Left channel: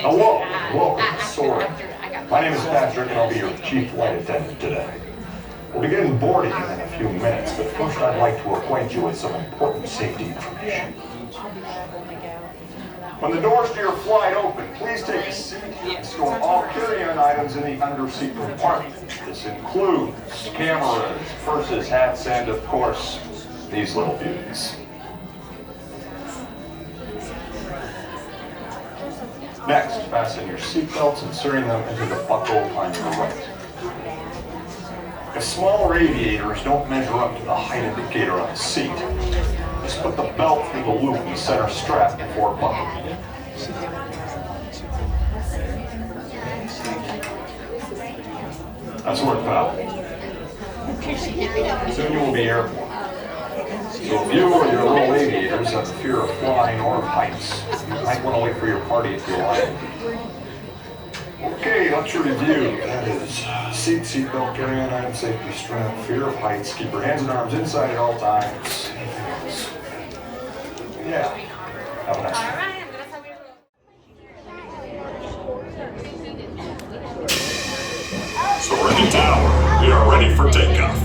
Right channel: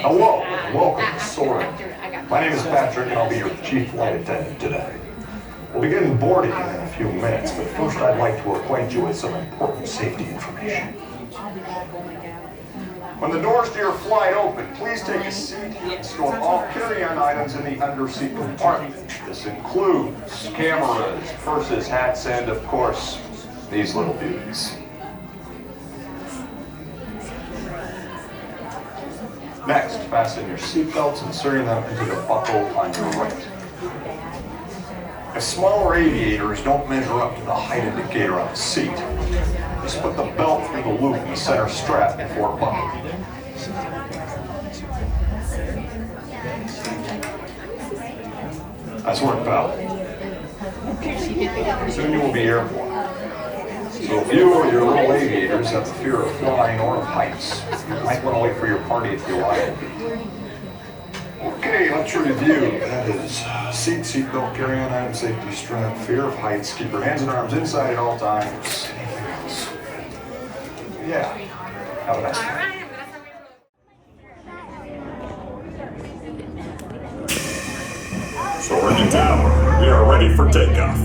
Hello, and welcome to Soarin. My name is Patrick, and I'll be your chief flight attendant today. We'll begin boarding in a few minutes, but first I'd like to acquaint you with some important safety information. When the doors to your flight open, please take a seat and store all carry-on items in the underseat compartment. This includes cameras, purses, hats, and of course, these little beauties. Next, fasten your seatbelts, inserting them into the buckle on your right. If smaller aviators don't measure up to the height indicator on the seat, just put the belt through the loop in the center strap before buckling. That's where it fell. Soon you will be airborne. So if you or your little aviators have a fear of flying or of heights, you might want to wait for your party at the arrival. Okay, let's review. That is seatbelt, carry-on item, safety strap, fear of heights, keep your hands and arms inside at all times. Anything else? Yeah. Have a nice day. Soarin down. We are ready for takeoff.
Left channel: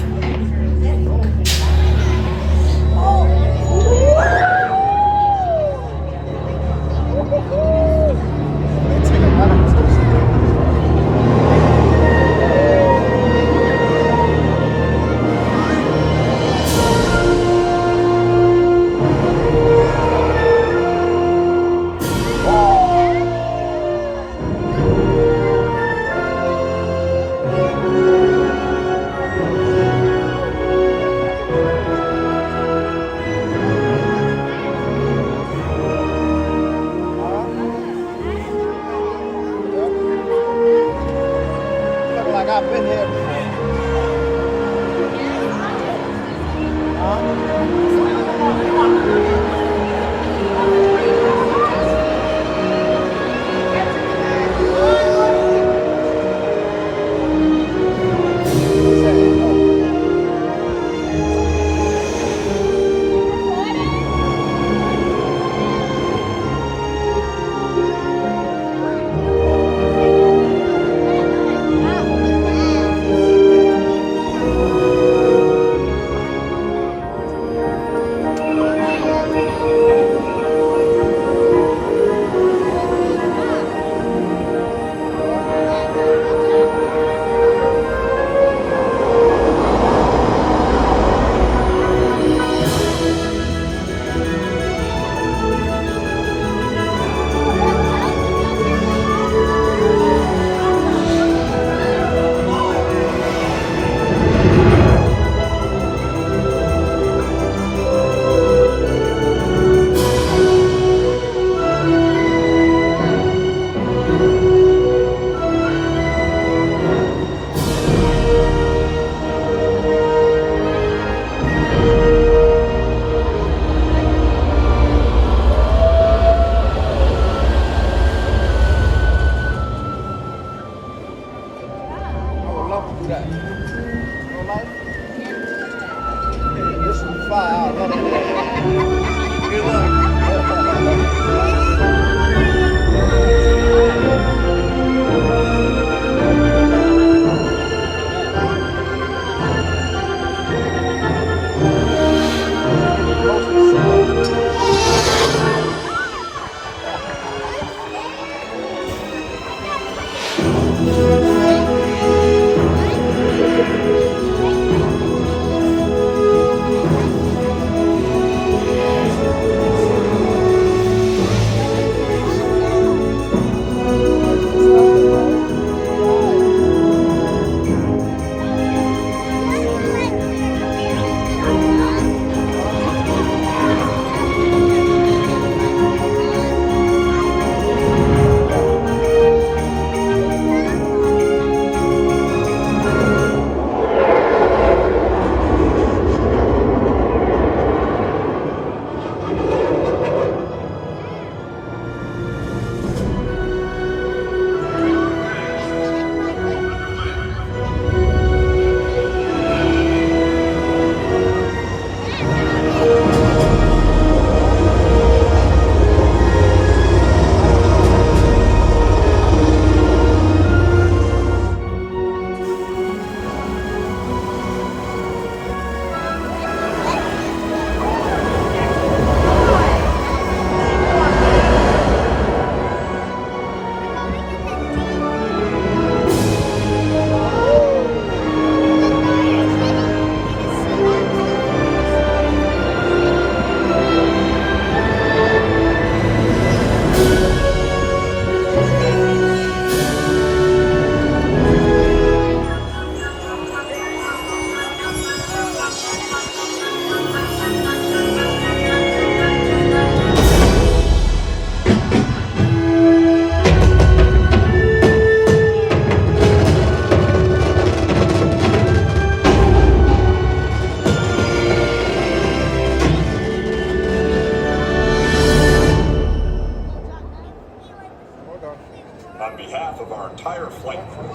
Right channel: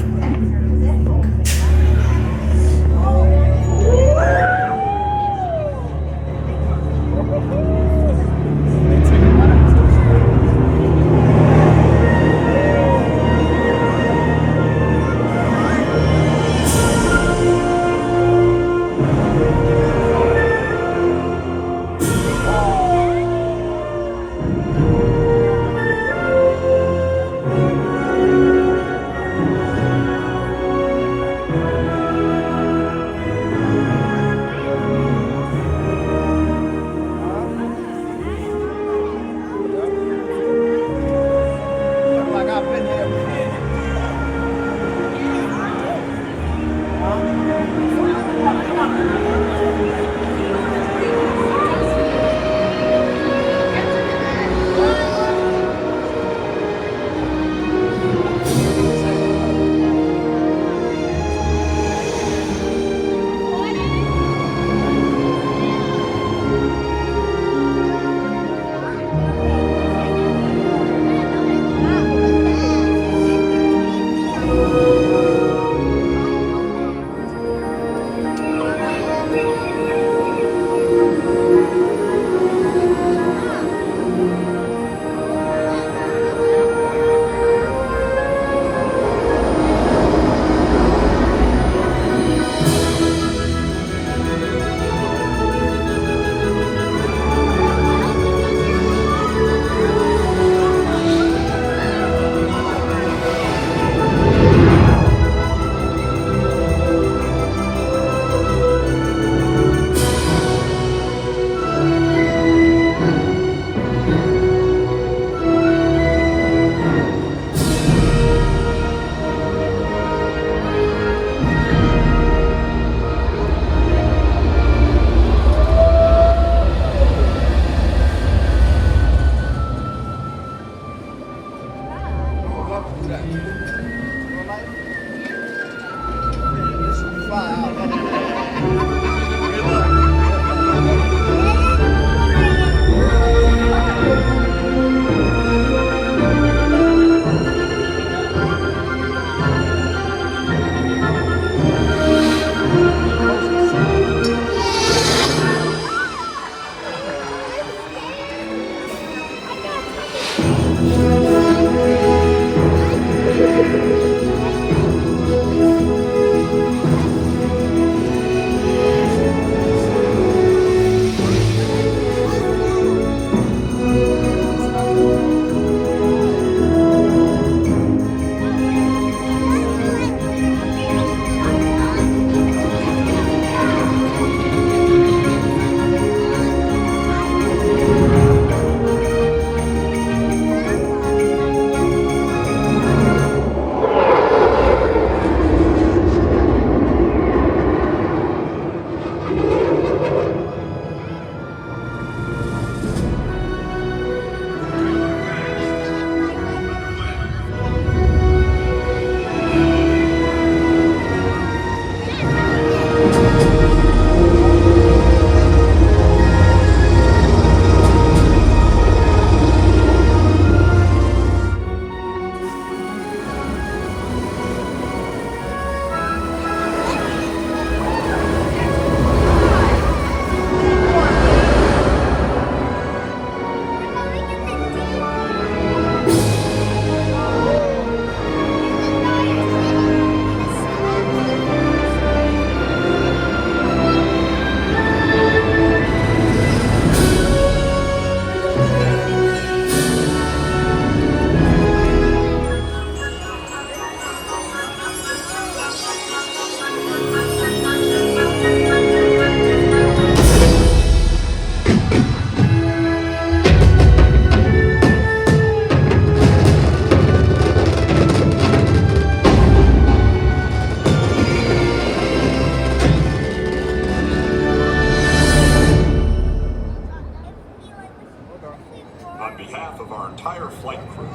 On behalf of our entire flight crew,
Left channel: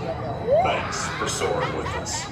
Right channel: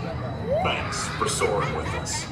thanks for soaring with us.